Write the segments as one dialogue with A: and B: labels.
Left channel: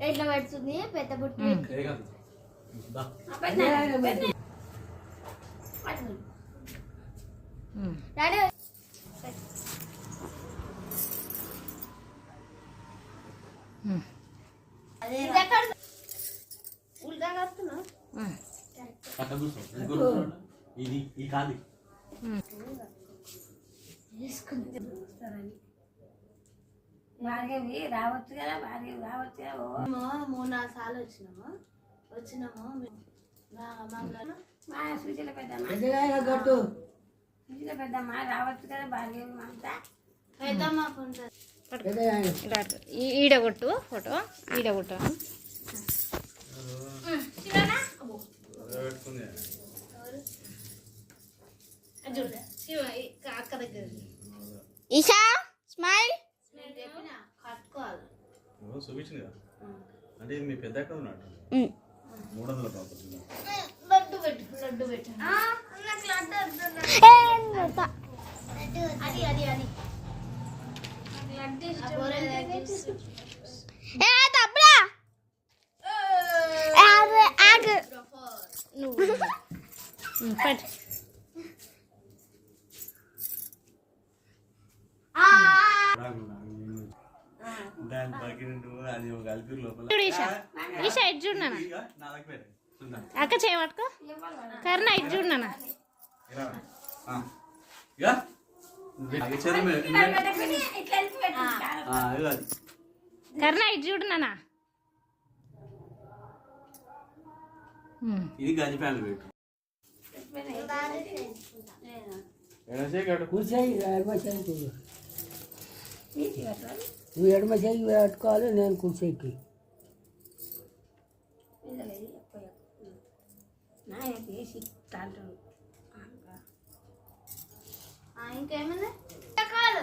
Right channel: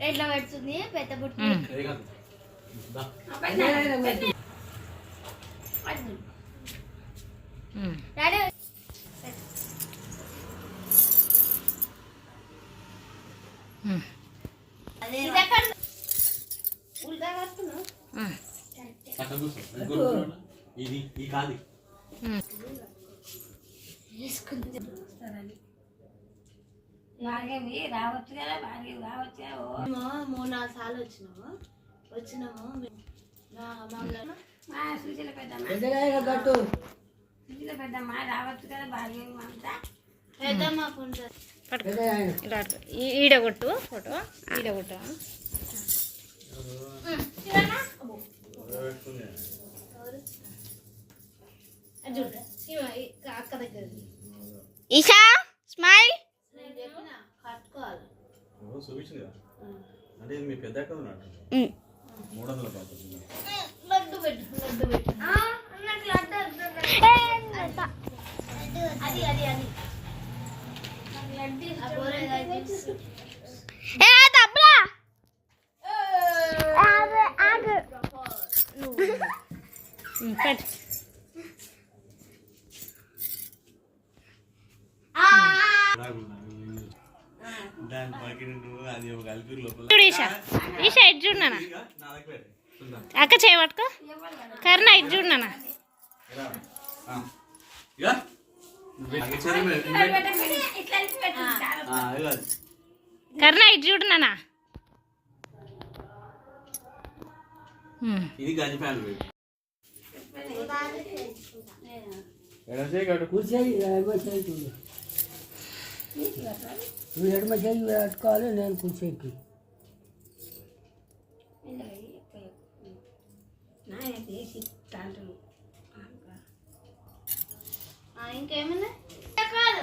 A: ఎట్లా పెడుతుంది? పెద్ద బుట్టి.
B: కాదు.
C: ఉమ్.
A: ఇది ఎక్కడ? ఉల్గా కడుతున్నావు
C: ఉమ్.
B: పక్కన కూర్చో ఇంకో కూర్చోండి. ఇది ఈ కాది
C: ఉమ్.
D: బాగేవి రావచ్చు కదా బాగా రావచ్చు కదా
A: మూడు నాలుగు సార్లు వచ్చినాము. వచ్చినాము మా-
D: సుశీల పెద్దమ్మ. సుశీల పెద్దమ్మ రావచ్చు కదా బాగా అంతా.
A: పెద్దమ్మ పుంజ
C: పట్టుకో.
E: పెద్దగా
C: ఇలా పట్టుకో. ఈ- ఈడ కొట్టు ఫోటో. ఈడ కొట్టు.
A: చూడు శివ ఈ అక్క దగ్గర.
C: ఈషా స్మైల్
A: నేను చెప్పిన కట్టుకోవాలి
B: ఓ, చూపించింది కదా అంటే ఇది మీ పెద్ద అక్క ఉన్నాడు మూడు వందల కాకపోతే
A: లడ్డు పెట్టు లడ్డు పెట్టు నాకు లడ్డు వద్దు. అది అది అది నాకు లడ్డు ఇష్టం
C: తప్పురా పట్టు
B: దాని పక్కన అది ఒక అల్పీర్ లోపల
C: చూడు ఈషా ఇటు చూడు నాన్న
B: ఇక నా దగ్గర పెట్టు. చూద్దాం
C: అక్క చేయబట్టుకో కర్ణ ఇటు చూడు నాన్న
B: రా. ఆ. ఇక ఇక సరే మేడం. ఇక పెట్టు. ఆ, ఇక అది.
C: కర్ణ ఇటు చూడు నాన్న ఉమ్.
B: ఇది గది ఫ్యాన్ పెట్టు ఎడమ చేయి కట్టు.
E: కూర్చొని ఎడమ చేయి చూడు నువ్వు ఎడమ చేయి పెట్టుకోవాలి నేను కూర్చోకి
D: నాయన చేసి తాంటాడు
A: ఆ, ఇంకేమైనా కాదు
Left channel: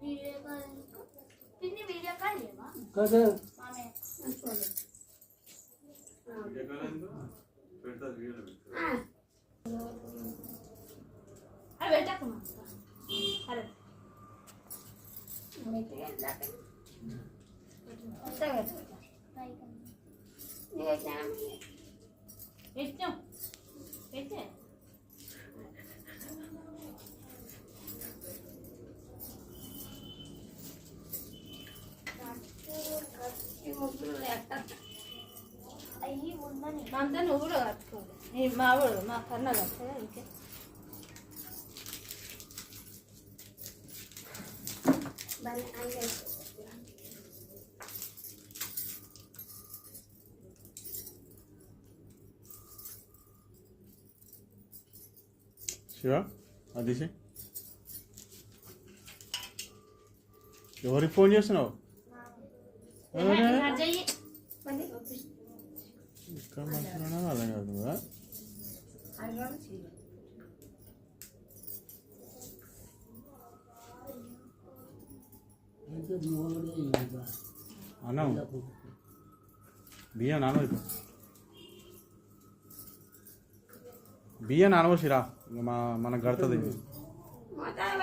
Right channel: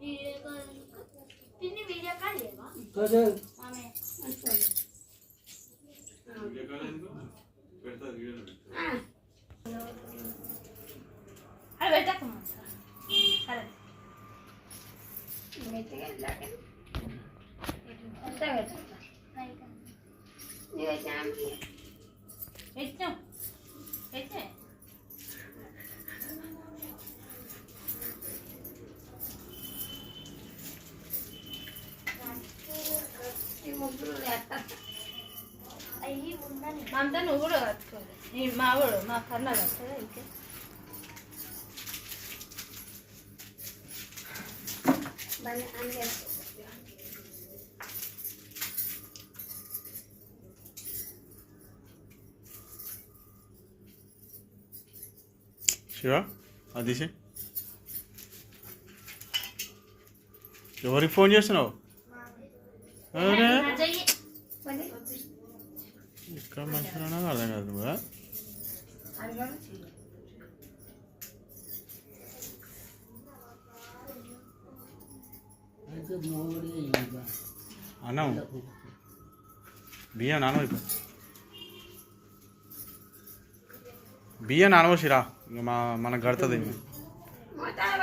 A: వీడియో కాల్ ఎందుకు? పిన్ని వీడియో కాల్ లేవా
E: కదా
A: మామయ్య
B: వీడియో కాల్ ఎందుకు? పెడతా, వీడియోలో పెట్టు.
A: అది పెట్టకమ్మా సరే
D: మెత్తగా ఇలాగ. మెత్తగా పెట్టాలి. నువ్వు వచ్చాను.
A: పెట్టాం పెట్టే
D: ఈ ముగ్గురు వేస్తా.
A: అయ్యి ఉందని
C: అంతా నువ్వు కూడా కట్టుకోవాలి. ఈ మావాడు మా కన్నా కదా ఇంకే.
D: అంగేసుకో.
B: శివ అది ఎవరికి ఫోన్ చేస్తున్నావు? అరే
A: చెయ్యి
D: పోనీ.
B: ఇక్కడ మంచిగా అర్థం కాదు నువ్వు
D: అది కూడా చెయ్యి.
E: అయితే
B: అన్నం. బియ్యం నానబోయి బియ్యం నానవసిరా ఇక మా మనకు కడుతుంది.
D: మోతాదు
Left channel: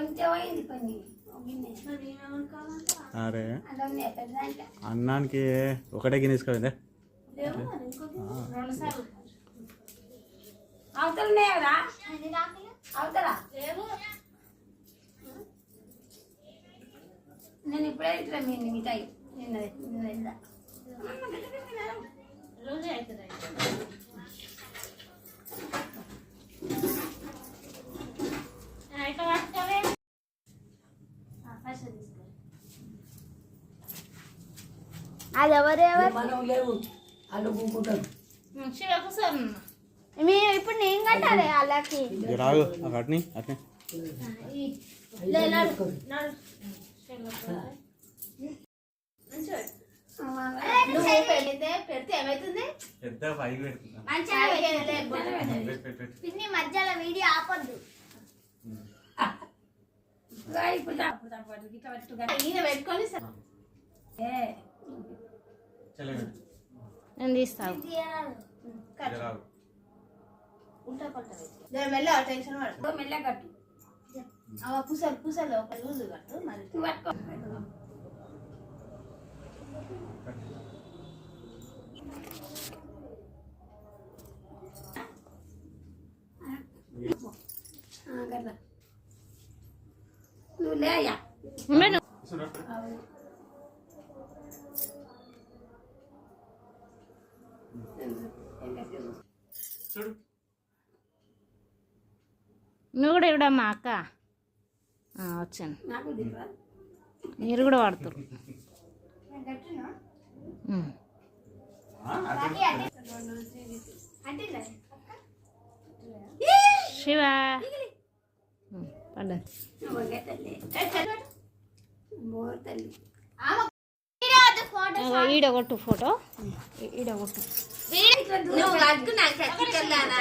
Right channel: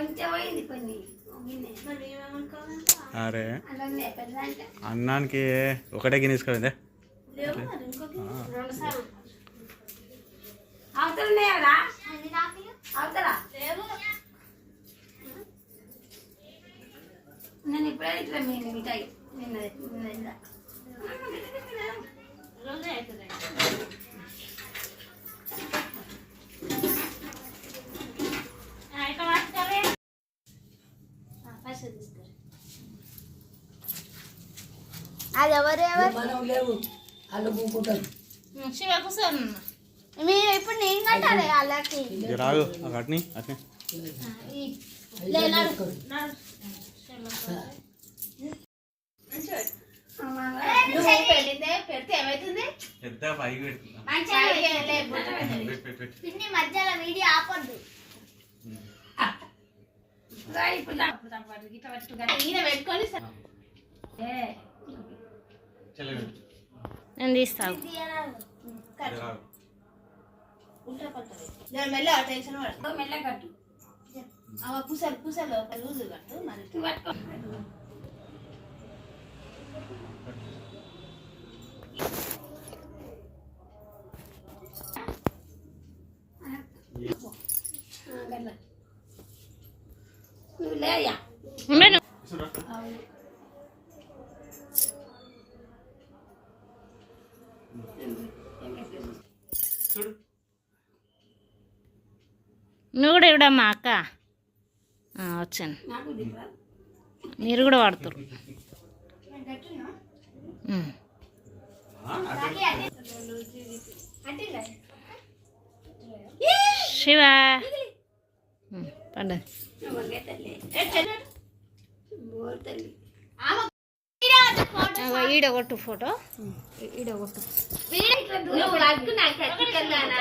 D: అవతల ఉన్నాయా
A: అది. రాకియా
D: అవతల
A: లేవు.
D: నేను ఇప్పుడే ఇట్లా మీ మిఠాయి. నిన్నది నిన్న
C: రోజే అవుతుంది అయితే పట్టుకోవే
A: పైసలు తీసుకోరు అది ఎవరెవరు
E: మనం లేవు. వాళ్ళు కూకుంటారు.
A: మీరు ఇప్పుడు నేను కట్టాలి వాళ్ళకి.
B: రాగు అట్ని. అట్ని
A: పెడితే ఏమైతుంది. పిన్ని మధ్యలో వీడియో ఆపొద్దు.
D: ఇప్పుడు
A: పెట్టుకొని.
C: నేను తీస్తాను.
A: పుసలు పుసలు ఒక లూజు కట్టు మరి.
D: పట్టుకో. నువ్వు లేయా
C: ఉండను
B: ఇసురు అట్లా. చూడు
C: నువ్వు కూడా ఇవిడమ్మా అక్క. వచ్చాను. మీరు కూడా వాడతారు. శివ. పండు. పడ్డది
D: ఓకే తల్లి బో తల్లి
C: అగో ఈడ కొట్టు ఫోటో. ఈ- ఈడ కొట్టు.
A: నువ్వు అడుగు నాకు కట్టుకెళ్ళానా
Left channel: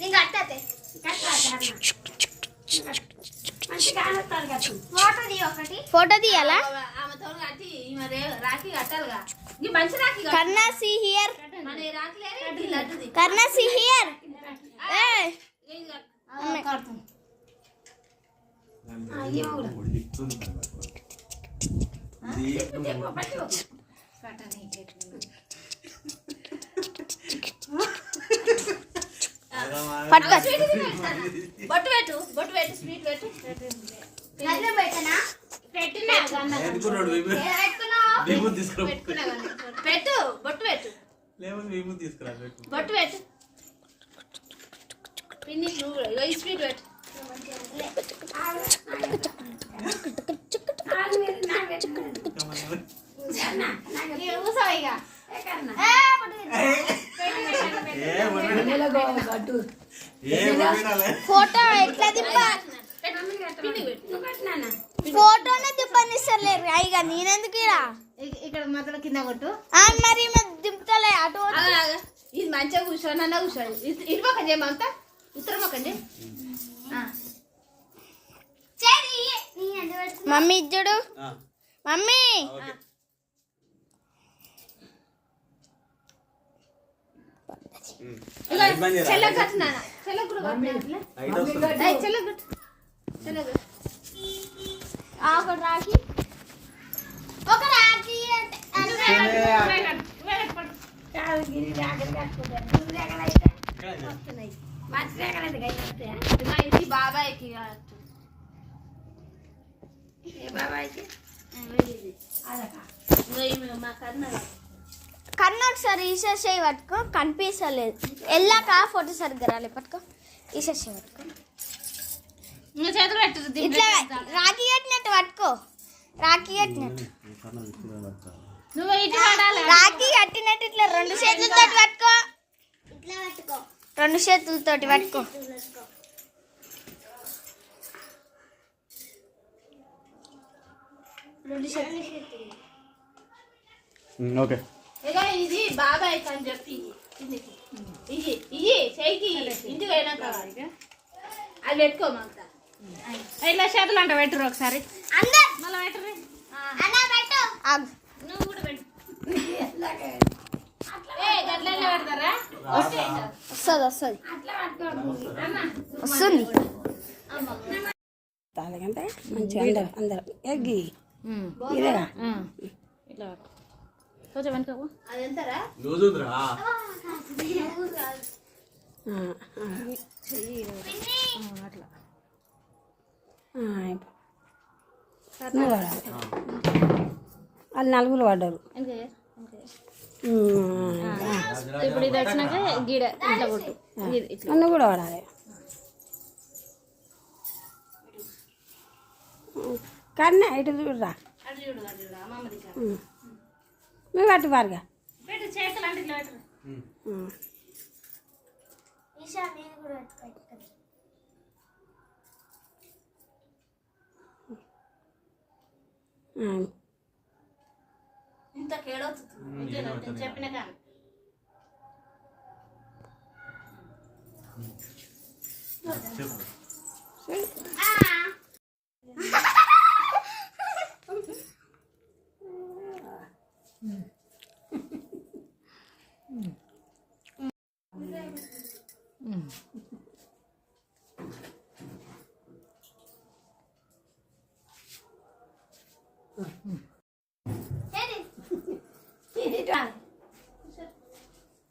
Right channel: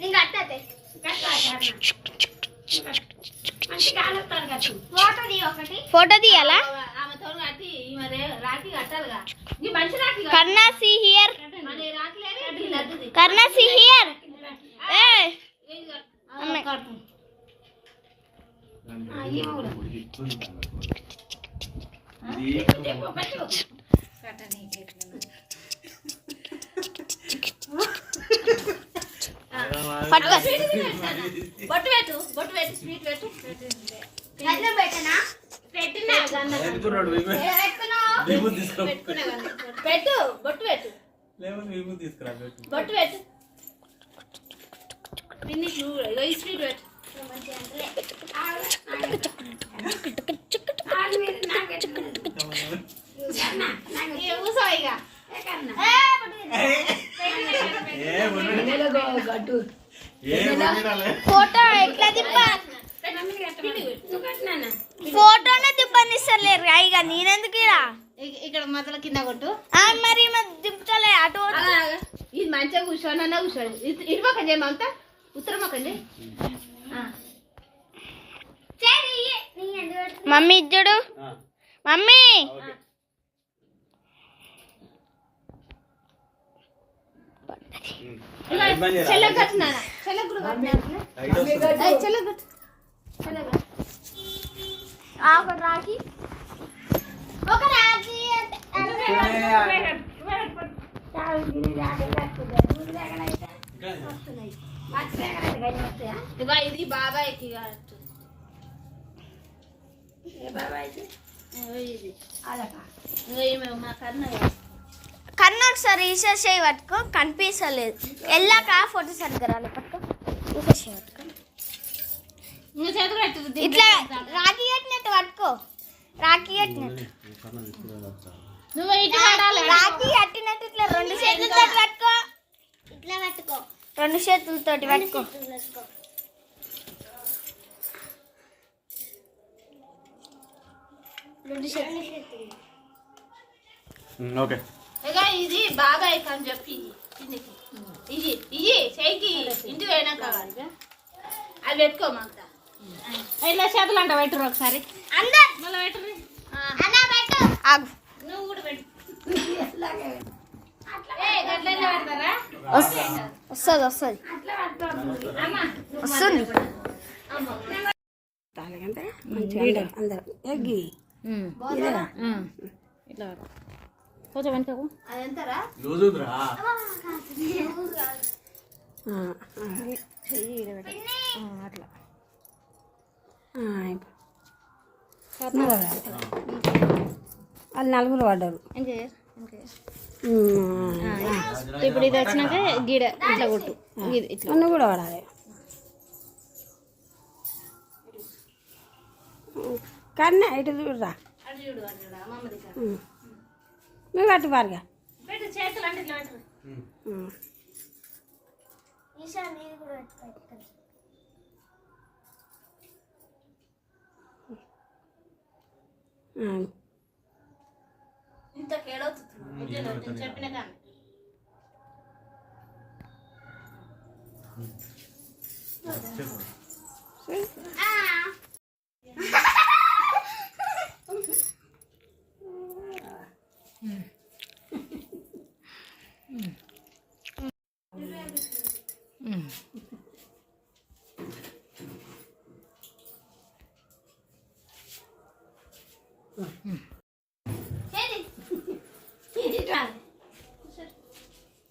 A: నేను కట్టతే ఫోటో తీ ఒకటి.
C: ఫోటో తీయాలా. Karna see here. Karna see here. ఏ
A: ఇది కట్టు.
C: అమ్మే.
B: ఇది
C: పట్టుకో
A: బొట్టు పెట్టు బొట్టు పెట్టు స్వీట్ పెట్టు పెట్టినా పెట్టినా
B: ఎందుకు
A: పెట్టు బొట్టు పెట్టు
B: లేకపోతే విభూతి తీసుకురా
A: బొట్టు పెట్టు పిన్ని నువ్వు స్వీట్ పెట్టు.
C: ఫోటో ఎట్లా దిప్ప ఫోటోనే దిప్పనిస్తలేరు ఇక నేనెందుకు
A: ఇక్కడ మొదల కింద కొట్టు
C: మరి దింపుతలే అటు
A: ఇది మంచిగా కూర్చోనన్నా కూర్చోండి ఇటు- పక్కన చేయమంతా ఉత్తరం పక్కన చేయి ఆ.
C: మమ్మీ ఇచ్చుడు? మమ్మీ!
B: ఓకే. ఉమ్.
A: ఇగో,
B: లైట్ బంద్ చేయరా?
A: చెల్లెకి కట్టినా చెల్లెకి కూడా కట్టినా
B: లైట్ వస్తుంది.
A: ఏయ్, చెల్లెకి కట్టు చెల్లెకి కట్టు. ఆ, ఒక రాఖీ ఒక రాఖీ అంటే- ఇగో, ఇది బాగా ఎక్కి కట్టు ఇగో ఇది ఇగో ఈమె మా కన్న
C: ఒకసారి రీసెర్చ్ చేయి పట్టుకో కనిపించలేదు వెళ్ళాక ఫోటో సరిగ్గా రాలే పట్టుకో. రీసెర్చ్ చేయి పట్టుకో.
A: నువ్వు చేతులు పెట్టు
C: ఇట్లా రాఖీ కట్టినట్టు పట్టుకో. రాఖీ కట్టినట్టు.
A: నువ్వు
C: రాఖీ కట్టినట్టు ఇట్లా రెండు చేతులతో పట్టుకో. ఇట్లా పట్టుకో. రెండు చేతులతోటి పట్టుకో. రెండు చేతులు.
B: ఓకే.
A: ఇది బాబాయ్ అని చెప్పి ఇది ఇయ్యి చేయికి ఇంటికి పోయినాక అది పెట్టుకో మాకు.
C: ఇట్లా చేతులు అంట పెట్టరు ఒకసారి.
A: మళ్ళీ పెట్టరు నువ్వు కూడా పెట్టు. ఏ గట్లనే పెడతారా?
C: వస్తుంది వస్తుంది. వస్తుంది.
D: తాగంటే మంచిగా అందరం. ఎగ్గి
C: ఇట్లా కొంచెం వెనుకకు అట్లా.
D: వాళ్ళు నలుగురు పడ్డారు.
C: ఇప్పుడు ఇది వచ్చినాక గీడ ఇట్లా కొట్టు.
D: నువ్వు కూడా పడాలి. కన్నా ఇటు చూడరా. నువ్వు పట్టు ఉమ్.
A: ఇంత కేడవుతుంది. చెప్పిన కానీ
B: చెప్పు
C: ఇది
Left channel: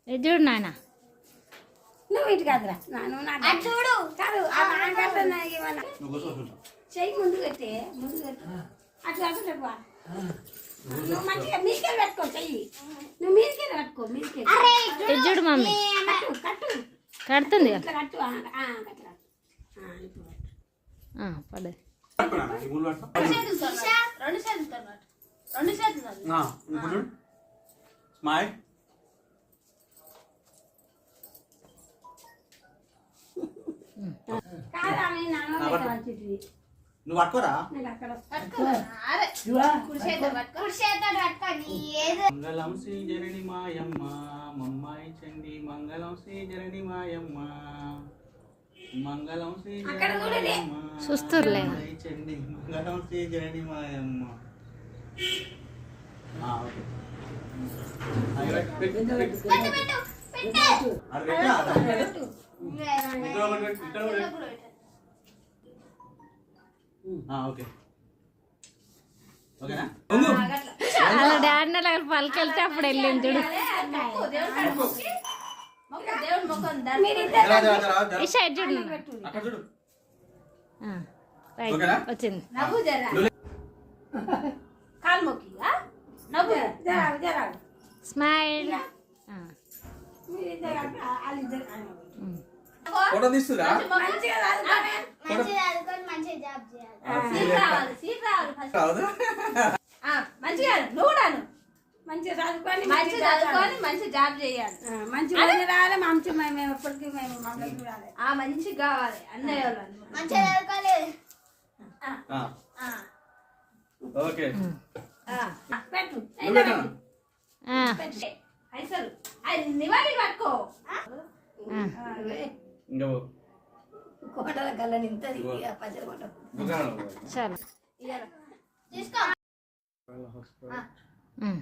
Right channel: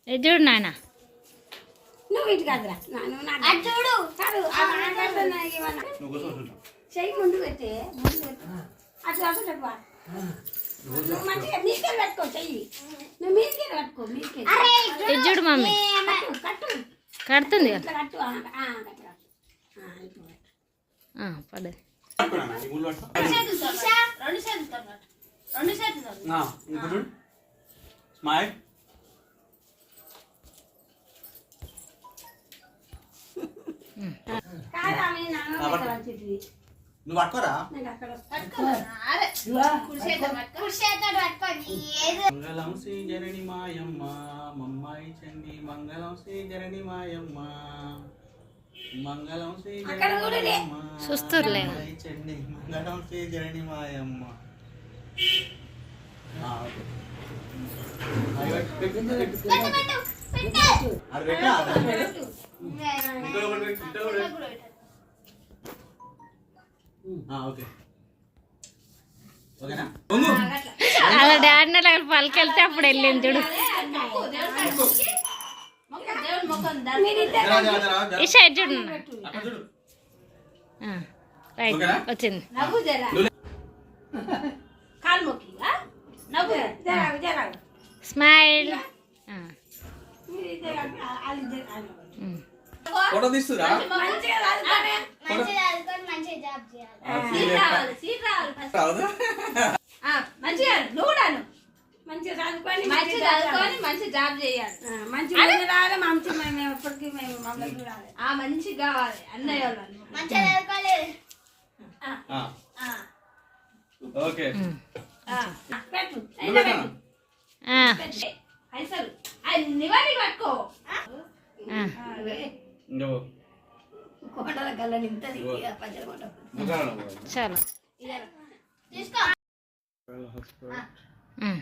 C: చూడు నాయన.
D: నువ్వు ఇటు కాదురా. చూడు. చెయ్యి ముందు పెట్టే ముందు పెట్టు. అట్లా చెప్పా నువ్వు మంచిగా మీకెళ్ళి పెట్టుకో చెయ్యి. నువ్వు మీకెళ్ళి పట్టుకో మీకెళ్ళి
C: ఇది చూడు మమ్మీ.
D: కట్టు
C: కడుతుంది
D: కట్టు.
C: పడ్డది
B: ఇప్పుడు స్మైల్. నువ్వు పట్టుకోరా. మంగళం శ్రీ జనని మాయమ్మ మమ్మాయి చండి మంగళం శ్రీ జనని మాయమ్మ మంగళం శ్రీ జనని మాయమ్మ
C: చూస్తుర్లే.
B: మంగళం శ్రీ మాయమ్మ.
C: అలా డాడీ అలా పలికెళ్తే అప్పుడు వెళ్ళింది చూడు. ఈ సైడ్ చూడు రైట్? వచ్చింది. స్మైల్.
B: ఫోటో తీస్తురా?
D: మంచిగా చదువుకోనే.
A: సీట్ రావాలి సీట్ రావాలి ఫస్ట్. ఆ, మంచిగా నువ్వు
D: మంచిగా చదువుకొని
A: మంచి చదువుకొని మంచి జాబ్ చేయాలి.
D: మంచిగా మంది రావాలి మంచి మేము మేము ఎప్పటికీ మేము మంగళ రావాలి
A: ఆ మంచి కావాలి అన్నయ్య వాళ్ళు
B: ఆ. ఓకే.
D: పెట్టు.
A: పైసలు. అన్ని వాడికి పట్టుకో.
F: కోటల కళ్ళ ఇక పచ్చడి కొంట
C: చాలు ఉమ్,